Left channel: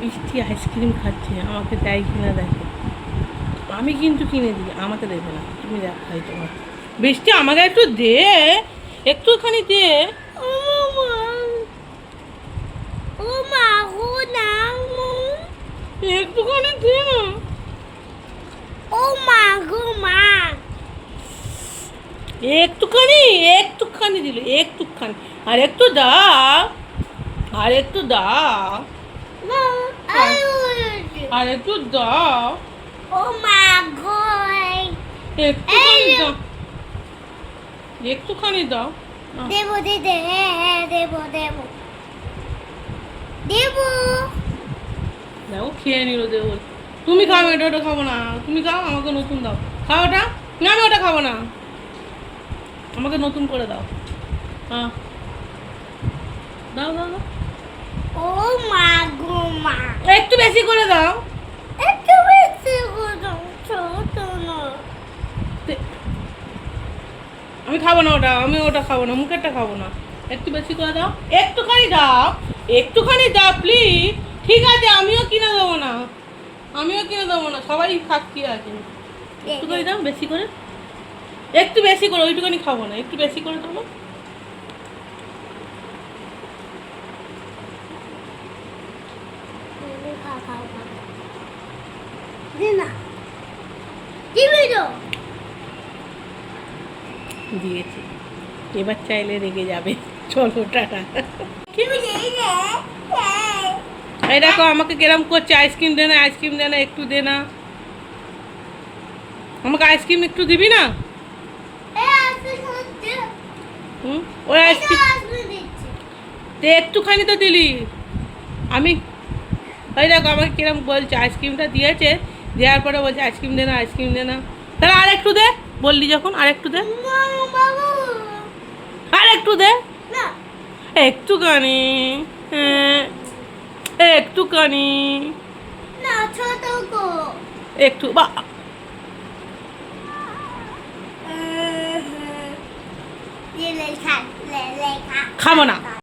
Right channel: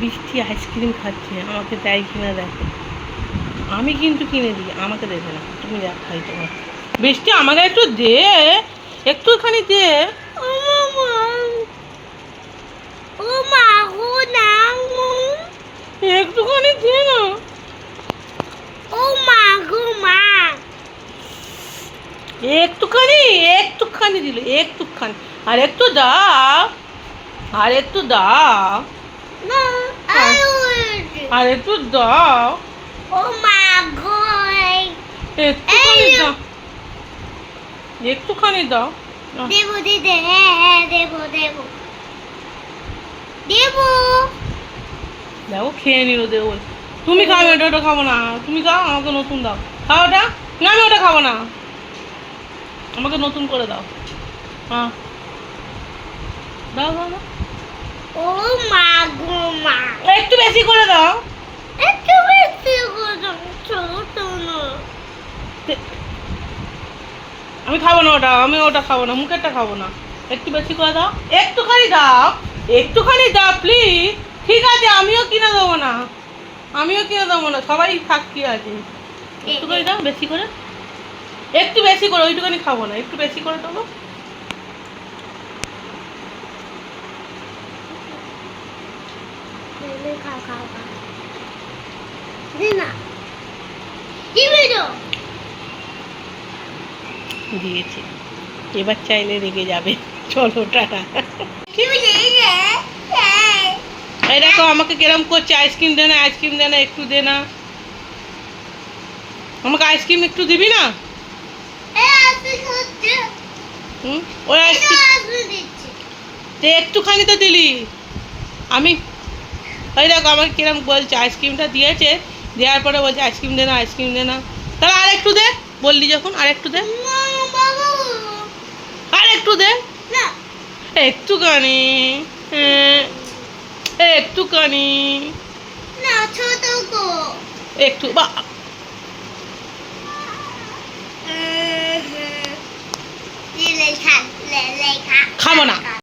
বৃষ্টি আইসক্রিম খাচ্ছে, আমাকে দেয় কিনা দেখে। আমি কিন্তু কিনে দিই, আমাকে দেবে না। তুমি যা খাই তোমার। বৃষ্টি আমাকে একটু দে, একটুখানি দে। একটুখানি দে না। একটুখানি, একটুখানি দিল, একটুখানি। আর একটু দাও, আর একটু দাও, আর একটু দাও, একটুখানি দাও, একটুখানি দাও। দেবো দিদি, হ্যাঁ দেবো দেবো দেবো। দেখো খেয়ে নিও, দেবো। তুমি খাও, এটা ওটা খাবো না। তুমি খাও, আমাকে নতুন দাও। খাও ওটা। না আমি ওটা খাবো না, আমাকে নতুন করে দাও। হ্যাঁ দাও দাও দাও। ও মা গো মা, একটু বেশি করে দাও। একটু বেশি করে ছোট না। আমি খাবো না ওটা, আমি ওটা খাবো না, মুখেরটা খাবো না। একটু বেশি করে দাও, একটুখানি দাও, একটুখানি দাও প্লিজ। ঠিক আছে, আমিও কিনে দেবো না, আমিও কিনে দেবো না, সবাই থাক, কি আছে। একটুখানি দাও, বেশি করে, একটু বেশি করে, ওইটুখানি খাবো না, একটু বেশি করে দেবো। খা খাও খা দিনা দিবি তো। দিয়েছি, এবার চাইলে রেগে যাবে। চলো টাটা। এই দেখো আমাকে কিরম করছে, আইসক্রিম দে না, আইসক্রিম দে না, একটু দে না। আমাকে আইসক্রিম একটু দিবি না? হুম, ওই আইসক্রিম একটুখানি তো দিলি। আমি ওই দেখো আমাকে কিরম বলছে, আইসক্রিমটা দিয়েছে, দেওয়ার পরে বলছে আইসক্রিম দে না, আইসক্রিম দে না। তাহলে আর একটু দে, বললি যখন আর একটু দে, আর একটু দে, একটুখানি, হ্যাঁ একটুখানি, না ছোট গো একটু বা। লেখা লেখা খাবো না।